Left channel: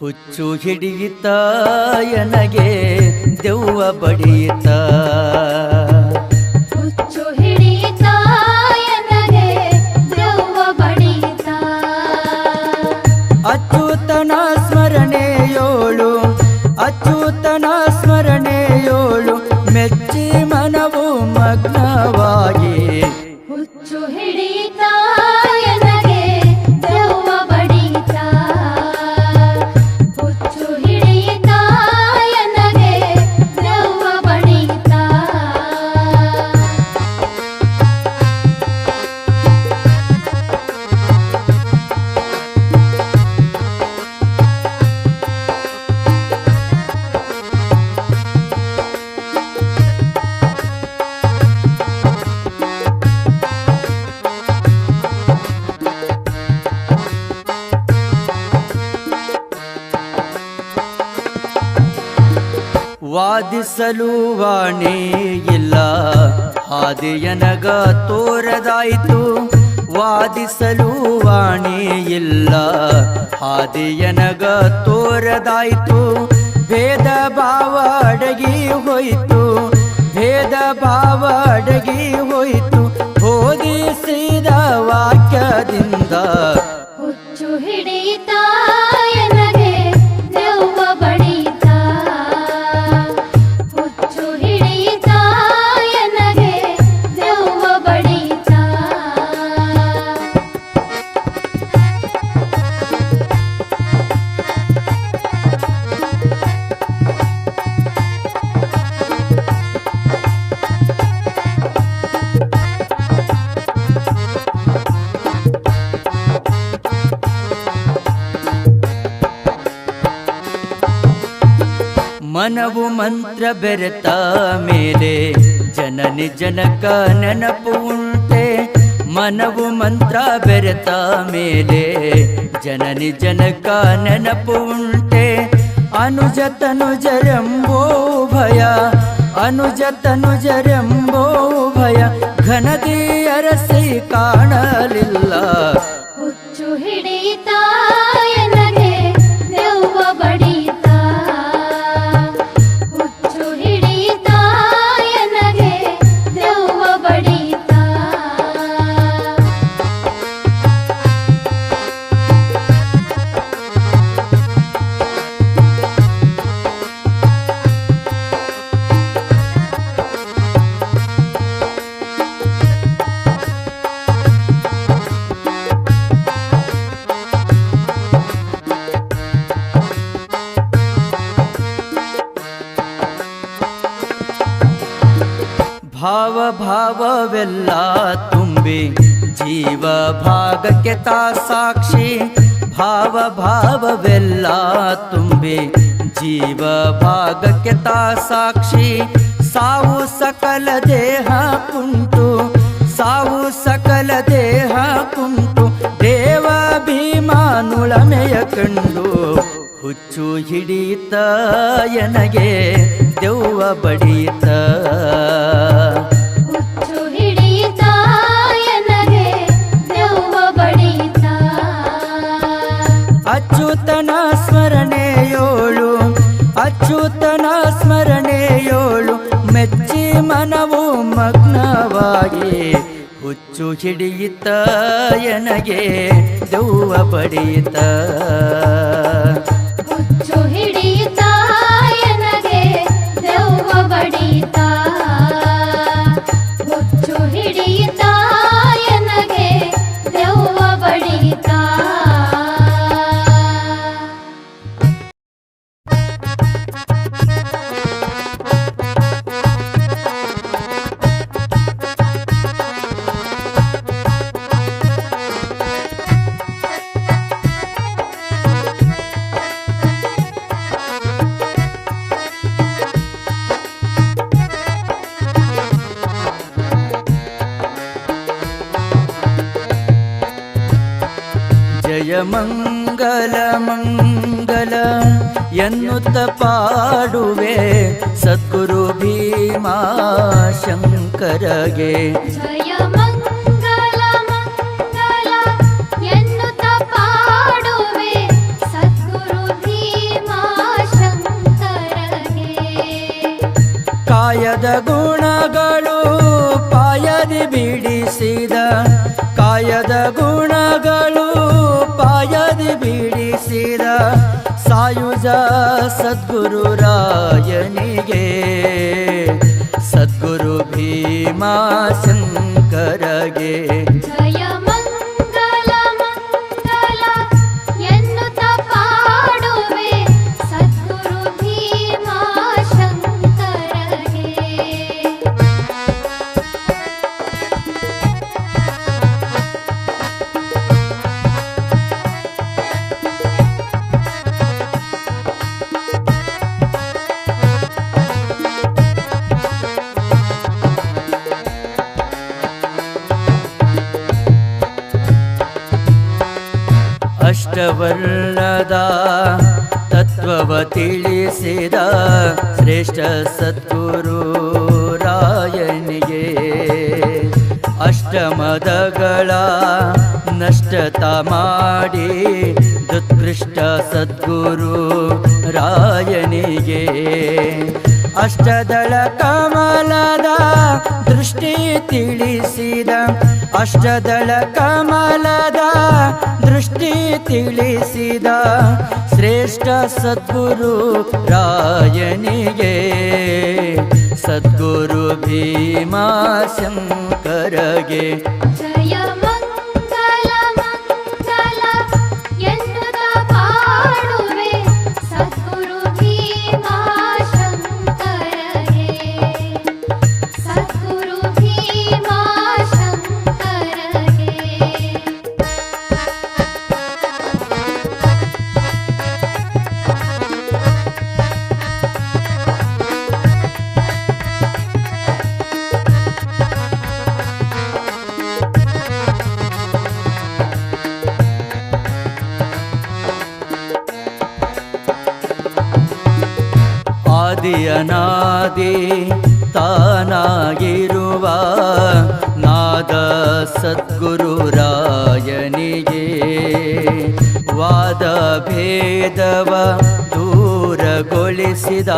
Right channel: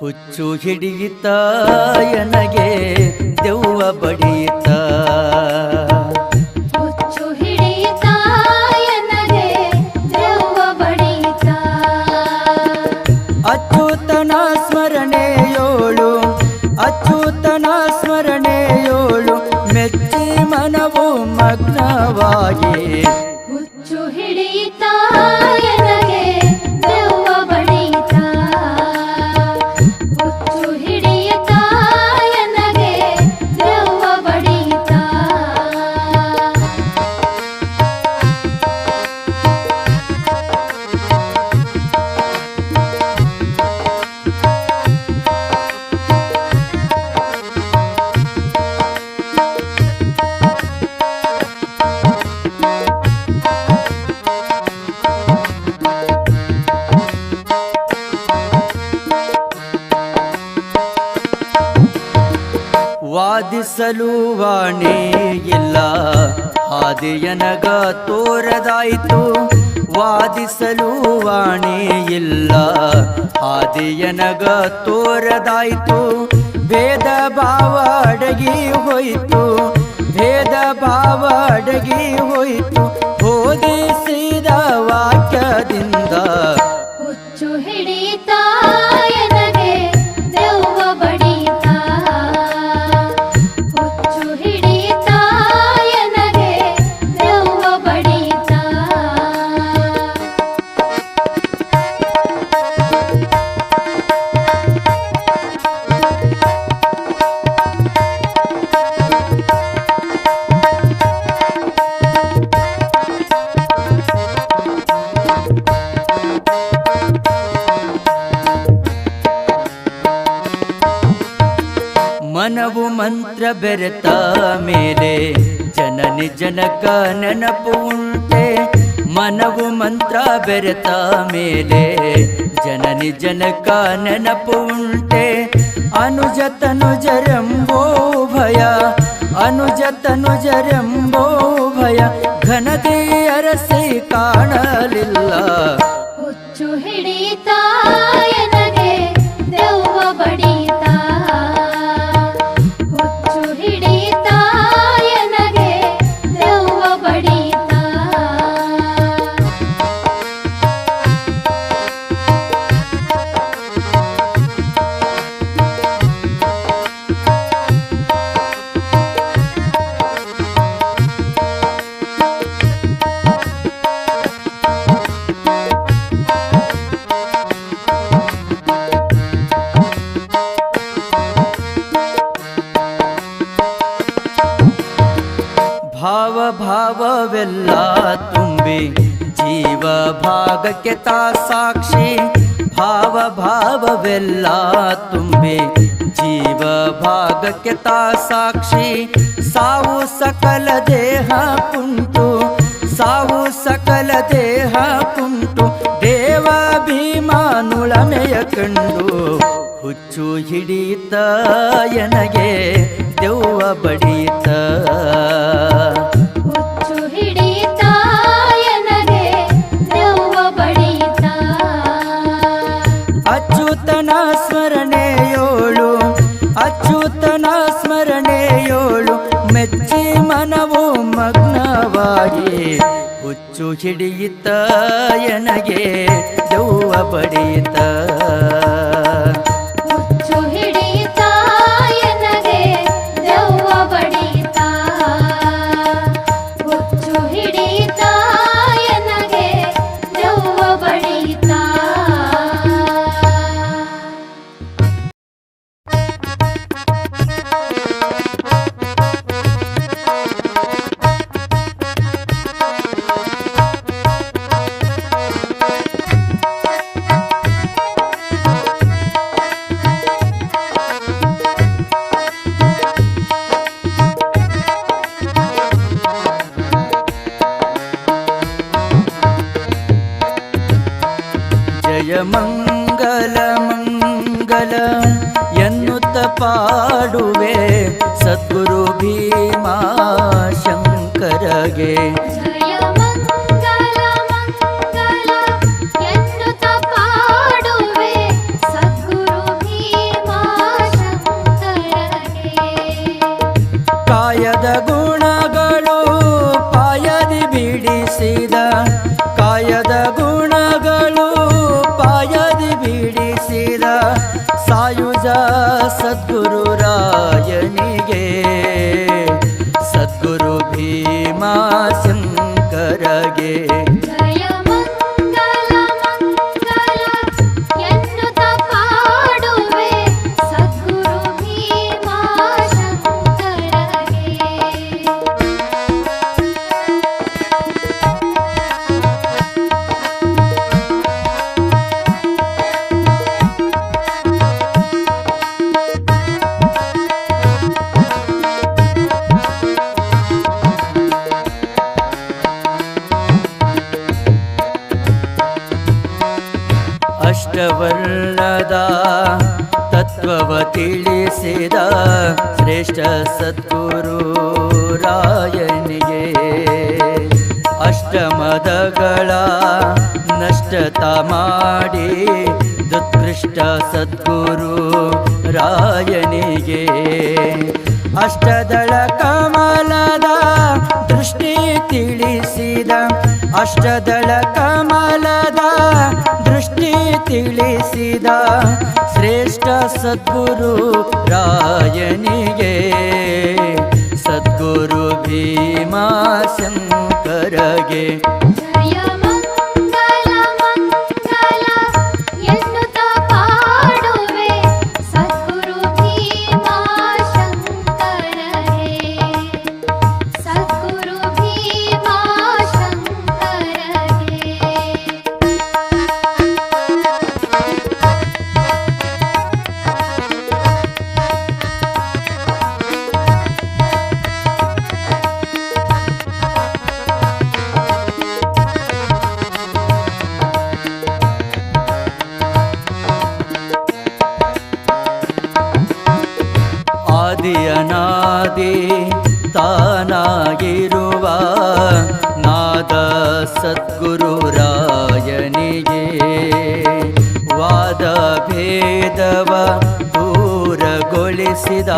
ಹುಚ್ಚು ಹಿಡಿಯಿತ ಎನಗೆ ದೆವ್ವ ಬಡಿಯಿತ ಹುಚ್ಚು ಹಿಡಿಯಿತ ಎನಗೆ ದೆವ್ವ ಬಡಿಯಿತ ಅಚ್ಯುತನ ಸ್ಮರಣೆಯೋಳು ಅಚ್ಯುತನ ಸ್ಮರಣೆಯೋಳು ಮೆಚ್ಚಿ ಮನವು ಮಗ್ನವಾಗಿ ಹುಚ್ಚು ಹಿಡಿಯಿತ ಎನಗೆ ದೆವ್ವ ಬಡಿಯಿತ ಹುಚ್ಚು ಹಿಡಿಯಿತ ಎನಗೆ ದೆವ್ವ ಬಡಿಯಿತ ವಾದಿಸಲು ವಾಣಿ ಇಲ್ಲ ಹಾದಿಯನಗ ತೋರದಾಯಿತು ವಾದಿಸಲು ವಾಣಿ ಇಲ್ಲ ಹಾದಿಯನಗ ತೋರದಾಯಿತು ಭೇದ ಭಾವ ಅಡಗಿ ಹೋಯಿತು ಭೇದ ಭಾವ ಅಡಗಿ ಹೋಯಿತು ಬೋಧಿಸಿದ ವಾಕ್ಯದಿಂದ ಹುಚ್ಚು ಹಿಡಿಯಿತ ಎನಗೆ ದೆವ್ವ ಬಡಿಯಿತ ಹುಚ್ಚು ಹಿಡಿಯಿತ ಎನಗೆ ದೆವ್ವ ಬಡಿಯಿತ ಮನವು ಮಂತ್ರ ಬೆರೆತ ಮೇಲೆ ಜನನಿ ಜನಕ ನೆನಪು ಉಂಟೆ ಮನವು ಮಂತ್ರ ಬೆರೆತ ಮೇಲೆ ಜನನಿ ಜನಕ ನೆನಪು ಉಂಟೆ ಅನುಜತನುಜರೆಂಬೋ ಭಯ ಅನುಜತನುಜರೆಂಬೋ ಭಯ ಘನತೆ ಅರಸಿ ಕಾಣಲಿಲ್ಲ ಹುಚ್ಚು ಹಿಡಿಯಿತ ಎನಗೆ ದೆವ್ವ ಬಡಿಯಿತ ಹುಚ್ಚು ಹಿಡಿಯಿತ ಎನಗೆ ದೆವ್ವ ಬಡಿಯಿತ ಭಾವ ಭಾವವೆಲ್ಲ ತುಂಬಿ ಜೀವ ಭಾಗಕ್ಕೆ ತಾ ಸಾಕ್ಷಿ ಭಾವ ಭಾವವೆಲ್ಲ ತುಂಬಿ ಜೀವ ಭಾಗಕ್ಕೆ ತಾ ಸಾಕ್ಷಿ ಸಾವು ಸಕಲ ದೇಹ ಕುಂಟು ಸಾವು ಸಕಲ ದೇಹ ಕುಂಟು ದೇವ ಭೀಮಾನುಳಮೆಯ ಕಂಡು ಹುಚ್ಚು ಹಿಡಿಯಿತ ಎನಗೆ ದೆವ್ವ ಬಡಿಯಿತ ಹುಚ್ಚು ಹಿಡಿಯಿತ ಎನಗೆ ದೆವ್ವ ಬಡಿಯಿತ ಅಚ್ಯುತನ ಸ್ಮರಣೆಯೋಳು ಅಚ್ಯುತನ ಸ್ಮರಣೆಯೋಳು ಮೆಚ್ಚಿ ಮನವು ಮಗ್ನವಾಗಿ ಹುಚ್ಚು ಹಿಡಿಯಿತ ಎನಗೆ ದೆವ್ವ ಬಡಿಯಿತ ಹುಚ್ಚು ಹಿಡಿಯಿತ ಎನಗೆ ದೆವ್ವ ಬಡಿಯಿತ ಹುಚ್ಚು ಹಿಡಿಯಿತ ಎನಗೆ ದೆವ್ವ ಬಡಿಯಿತ ಜಯ ಮಂಗಲ ಮಂಗಲ ಎನ್ನುತ್ತ ಪಾಡುವೆ ಸದ್ಗುರು ಭೀಮಾ ಶಂಕರಗೆ ಜಯ ಮಂಗಲ ಮಂಗಲ ಎನ್ನುತ್ತ ಪಾಡುವೆ ಸದ್ಗುರು ಭೀಮ ಕಾಯದ ಗುಣಗಳು ಪಾಯದಿ ಬಿಡಿಸಿದ ಕಾಯದ ಗುಣಗಳು ಪಾಯದಿ ಬಿಡಿಸಿದ ಸಾಯುಜ ಸದ್ಗುರು ರಾಯನಿಗೆ ಸದ್ಗುರು ಭೀಮಾಶಂಕರಗೆ ಜಯ ಮಂಗಲ ಮಂಗಲ ಎನ್ನುತ್ತ ಪಾಡುವೆ ಸದ್ಗುರು ಭೀಮಾಶಂಕರಗೆ. ಅಷ್ಟವರ್ಣದ ತತ್ವವ ತಿಳಿಸಿದ ಶ್ರೇಷ್ಠ ಸದ್ಗುರು ರಾಯನಿಗೆ ಅಷ್ಟಮದಗಳ ನಷ್ಟತ ಮಾಡಿ ದುತ್ಕೃಷ್ಟ ಸದ್ಗುರು ರಾಯನಿಗೆ ಅಷ್ಟದಳ ಕಮಲದ ದೃಷ್ಟಿ ತಿಳಿಸಿದ ಅಷ್ಟದಳ ಕಮಲದ ದೃಷ್ಟಿ ತಿಳಿಸಿದ ಶ್ರೇಷ್ಠ ಸದ್ಗುರು ರಾಯನಿಗೆ ಸದ್ಗುರು ಭೀಮಾಶಂಕರಗೆ ಜಯ ಮಂಗಲ ಮಂಗಲ ಎನ್ನುತ್ತ ಪಾಡುವೆ ಸದ್ಗುರು ಭೀಮಾಶಂಕರಗೆ. ಸದ್ಗುರು ಭೀಮಾಶಂಕರಗೆ. ಆದಿ ಅನಾದಿ ತಾನಾಗಿರುವ ನಾದ ಸದ್ಗುರು ರಾಯನಿಗೆ ವಾದ ಭೇದವ ದೂರಗೊಳಿಸಿದ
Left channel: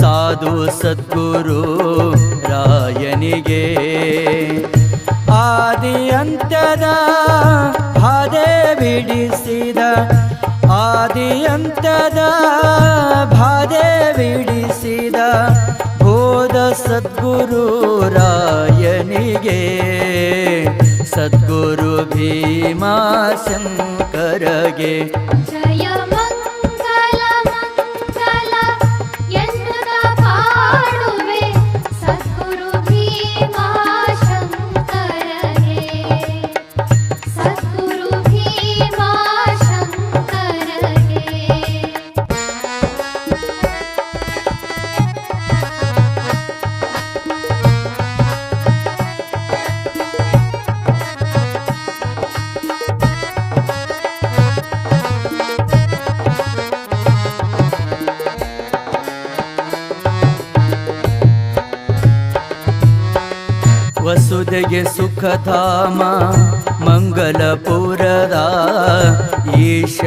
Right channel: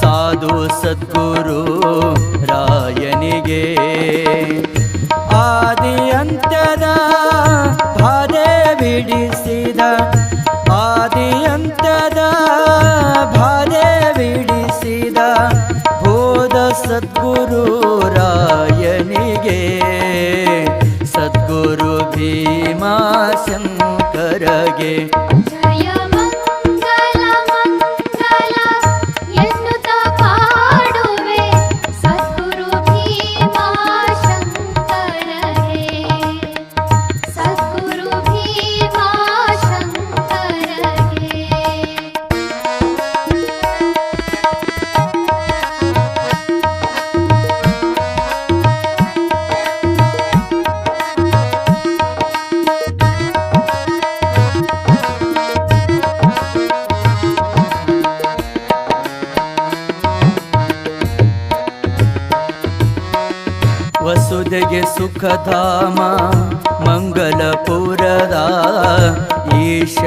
ಸಾಧು ಸದ್ಗುರು ರಾಯನಿಗೆ ಆದಿ ಅಂತ್ಯದ ಬಾಧೆ ಬಿಡಿಸಿದ ಆದಿ ಅಂತ್ಯದ ಬಾಧೆ ಬಿಡಿಸಿದ ಬೋಧ ಸದ್ಗುರು ರಾಯನಿಗೆ ಸದ್ಗುರು ಭೀಮಾಶಂಕರಗೆ ಜಯ ಮಂಗಲ ಮಂಗಲ ಎನ್ನುತ್ತ ಪಾಡುವೆ ಸದ್ಗುರು ಭೀಮಾಶಂಕರಗೆ. ಸದ್ಗುರು ಭೀಮಾಶಂಕರಗೆ. ವಸುದೆಗೆ ಸುಖಧಾಮ ಮಂಗಲಪುರದ ಈಶ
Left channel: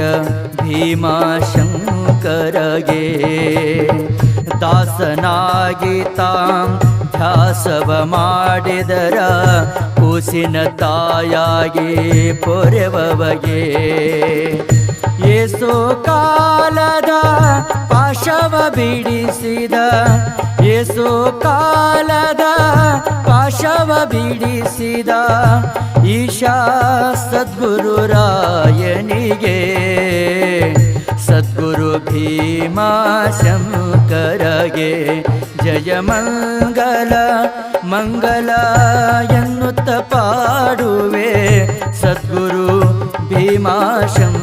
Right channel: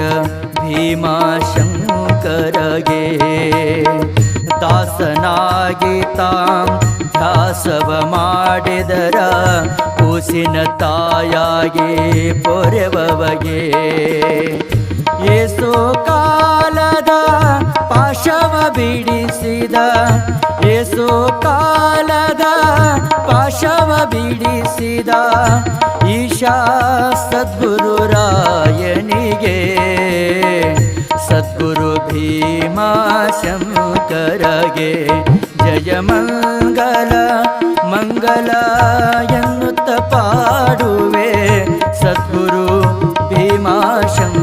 ಭೀಮಾಶಂಕರಗೆ ದಾಸನಾಗಿ ತಾಂ ಧ್ಯಾಸವ ಮಾಡಿದರ ಕೂಸಿನ ತಾಯಾಗಿ ಪೊರೆವಗೆ ಏಸೋ ಕಾಲದ ಪಾಶವ ಬಿಡಿಸಿದ ಏಸೋ ಕಾಲದ ಪಾಶವ ಬಿಡಿಸಿದ ಈಶಾ ಸದ್ಗುರು ರಾಯನಿಗೆ ಸದ್ಗುರು ಭೀಮಾಶಂಕರಗೆ ಜಯ ಮಂಗಲ ಮಂಗಲ ಎನ್ನುತ್ತ ಪಾಡುವೆ ಸದ್ಗುರು ಭೀಮಾಶಂಕರಗೆ.